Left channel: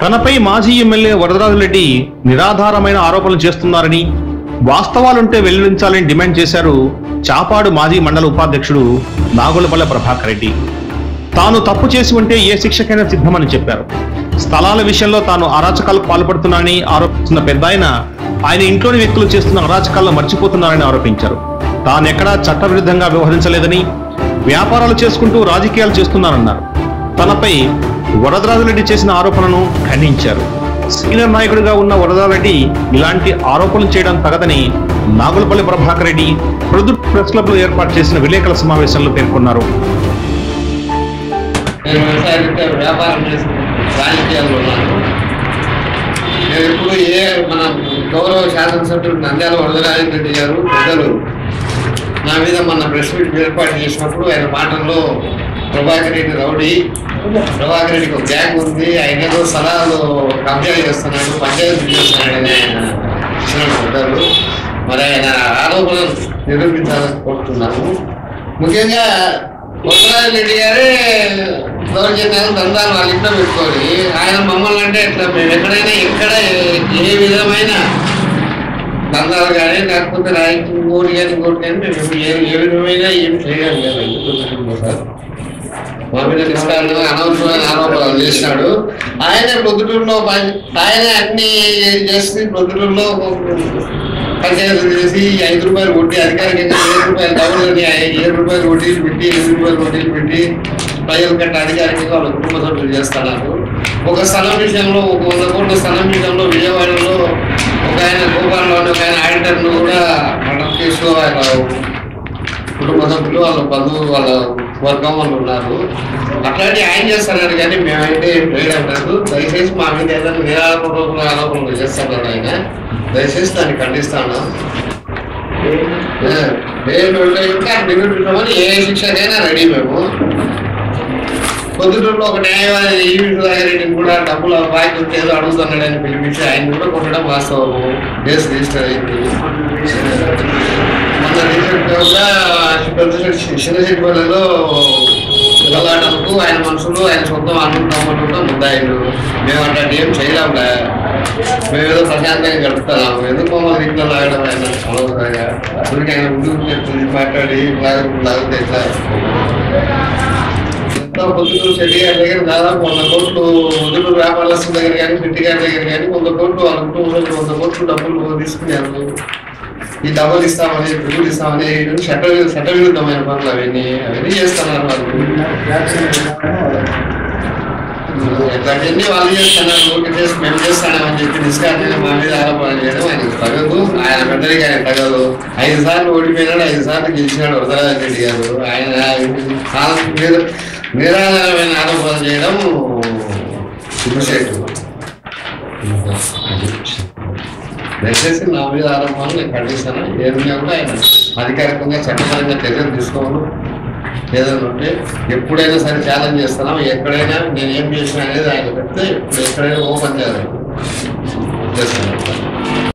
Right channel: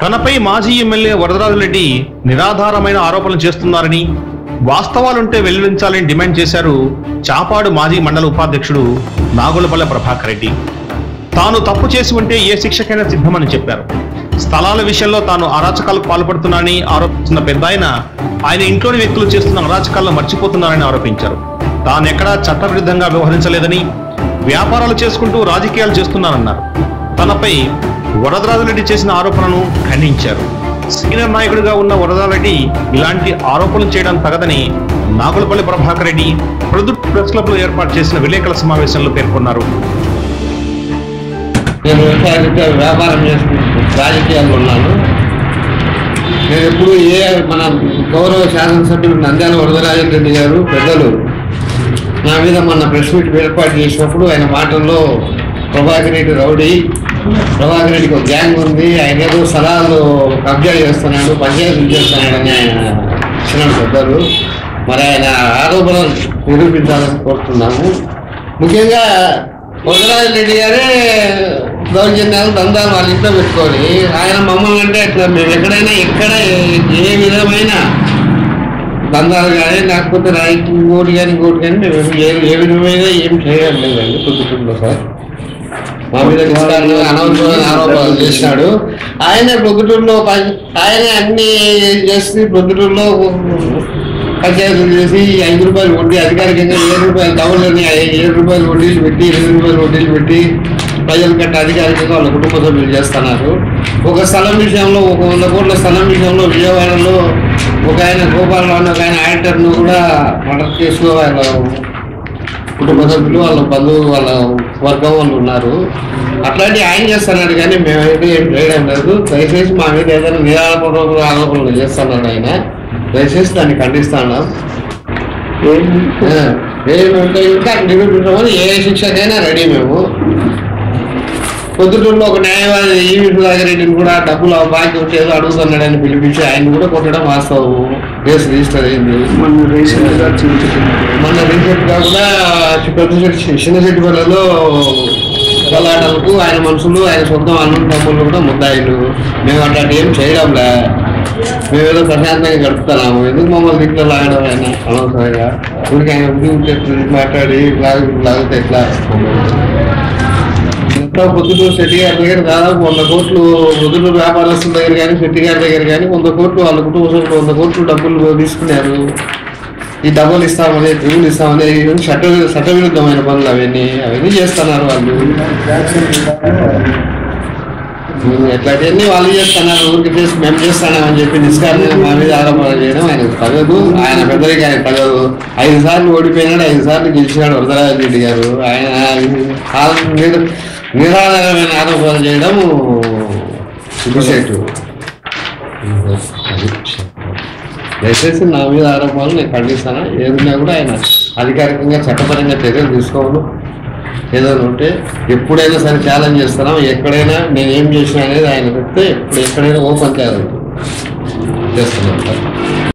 తనపై మాజీ ఎమ్మెల్యే వరదరాజరెడ్డి నిరాధారమైన ఆరోపణలు చేస్తున్నారని, వాస్తవాలుంటే వెల్లడించాలని డిమాండ్ చేశారు చాపాడు మాజీ మండల ఉపాధ్యక్షుడు నాగులపల్లె ప్రభాకర్ రెడ్డి. తాను తప్పు చేసి ఉంటే ఏ శిక్షకైనా సిద్ధమని చెప్పారు. స్థలాల విషయంలో తాను అరాచకాలకు పాల్పడుతున్నానని ఆరోపిస్తున్న పెద్దాయన ఆయన ఇంట్లోని వ్యక్తులు చేస్తున్న అరాచకాలను మర్చిపోతున్నారని ఆరోపించారు. తానెక్కడా చట్టవిరుద్ధంగా వ్యవహరించలేదని, వ్యాపారాలు చేసుకుంటూ రాజకీయాలు చేస్తున్నారన్నారు. తనపై వరదరాజరెడ్డి చేసిన ఆరోపణలను ఖండించారు. సీనియర్ నాయకుడిగా ఉన్న వరదరాజరెడ్డి ఇలాంటి ఆరోపణలు చేయడం తగదని నాగులపల్లి ప్రభాకర్ రెడ్డి ప్రొద్దుటూరు ప్రెస్ క్లబ్ లో ఏర్పాటు చేసిన విలేకరుల సమావేశంలో పేర్కొన్నారు. నేను వ్యవసాయ వ్యాపారం చేసుకుంటూ రాజకీయాల్లో ఉన్నాను. నేను ఎప్పుడు మన గౌరవ శాసనసభ్యులు నంద్యాల వరదరాజరెడ్డి గారు పెద్దలు నా మీద మొన్న ప్రెస్ మీట్ ఏర్పాటు చేసినప్పుడు ఆయన మాటల్లో ప్రభాకర్ రెడ్డి రౌడీ, ప్రభాకర్ రెడ్డికి ఒక గ్యాంగ్ ఉంది, ఆయన ఏదో స్థలాలు కబ్జా చేస్తున్నాడు, పంచాయతీలు చేస్తున్నాడని ఆయన ఇచ్చిన పెద్దలు. మరి ఆయన ఆరోపణలు నిరూపించాలని కోరుతున్నాము. ముఖ్యంగా వరదరాజరెడ్డి గారే దౌర్జన్యాలు దందాలు వాళ్ళ ఇంట్లో పెట్టుకొని ఆయన మమ్మల్ని అంటే ఎట్లా మేము ఎక్కడైనా ఎక్కడ ఏ విధమైన దందాలు కానీ లేకపోతే ఇంకోటి కానీ మేము ఏ విధమైన ఏం చేయడం లేదండి. పొద్దుటూరులో సార్ మా మీద నిష్కారణంగా అనవసరమైన ఆరోపణలు చేసినాడు. ఆయన పొద్దుటూరులో ఆయన అన్ని చేసి పొద్దుటూరులో పంచాయతీలు చేసి 5 రూపాయలు వడ్డీ అధికారికంగా 7 రూపాయలు డబుల్ 7 రూపాయలు వడ్డీలు పెట్టి 8 రూపాయలు వడ్డీలు పెట్టి ప్రజల కంటే అధికారికంగా వాళ్ళ కుటుంబ సభ్యులు చేస్తున్నారు. ఒక స్థలం విషయంలో 100 కోట్ల స్థలం విషయంలో విజయవాడలో ఒక ఆయన గోపాలరావు ఒక ఆయన ఆడిటర్ను కూడా మర్డర్ కేసులో ఆయన కుటుంబ సభ్యులు వాళ్ళ బంధువులు వాళ్ళ వర్గం వాళ్ళు ఉన్నారు. అట్లాంటి ఆయన చేస్తున్నాడు కానీ మేమైతే ఏం చేయడం లేదు. దయచేసి మా మీద ఏదైనా నిరాధారపూర్వక ఆరోపణలు చేస్తున్నాడు ఆయన. దయచేసి దాన్ని ఖండిస్తున్నాం. ఇంకా నిరూపించమని ఏ శిక్షకైనా రెడీ మేము. పొద్దుటూరులో ఒక న్యాయవాది ఈవి సుధాకర్ కూడా డబ్బులు బాకీ ఉంటే ఏదో అడుగుతున్నాడని పిలిపించి ఆయన కూడా కొట్టడం వాస్తవము. కేసు రిజిస్టర్ అయింది. మొన్న రీసెంట్గా కూడా చిన్నశెట్టిపల్లెలో గలాటలకు ఆయన మనుషులు ఆయన సొంతం అన్నం తమ్ముళ్ళు కూడా ముద్దాయిలు. మేము అట్లాంటి ఏం చేయడంలే. మేమేదో ప్రశాంతంగా గడుపుతున్నాము. ఎందుకు మమ్మల్ని ఇంట్లో లాగడం ఆయన అనవసరంగా ఊరికి ఆయన ఉద్యోగం మాట్లాడి లాగితే ఎట్లా. పొద్దుటూరు శెట్టి గారి దగ్గర దాదాపు 100 కోట్లు పొద్దుటూరు వ్యాపారస్తుల దగ్గర కానీ శెట్టి గారి దగ్గర కానీ 100 కోట్లు వాళ్ళ కుటుంబ సభ్యులు 100 కోట్లు డబ్బులు తీసుకున్నారు. ఈ డబ్బులు ఇస్తామని డ్రిల్ ఇస్తామని చట్టవిరుద్ధమైన పనులు అవన్నీ చేస్తున్నారు వాళ్ళు. ఎట్లాంటివన్నీ వాళ్ళు చేస్తున్నారు. ఊరికి చేసి మేము చేస్తామని చెప్పి నిష్కారణంగా మా మీద ఆరోపణలు చేయడం ఆయనకు తగదు. ఆయన పెద్దరికి ఆయన తగదు. 5 సార్లు ఓడిపోయినాడు, 5 సార్లు గెలిచినాడు వరదరాజరెడ్డి గారు. ఆయన నిరాధారమైన ఆరోపణలు చేయడం సిగ్గుచేటు. దయచేసి నా మీద ఆరోపణలు నేను ఖండిస్తాను. ఏదైనా కూడా ఆయన అధికారికంగా చట్టపరంగా చర్యలు తీసుకోవాలి. ఏదైనా ఉంటే ఎప్పుడైనా సరే ఛాలెంజ్ చేస్తున్నాం. ఎక్కడైనా నేను ఏం చేసినా అనేది ఆయన చెప్తే ఎక్కడైనా ఓపెన్ ఛాలెంజ్ చేస్తున్నాను.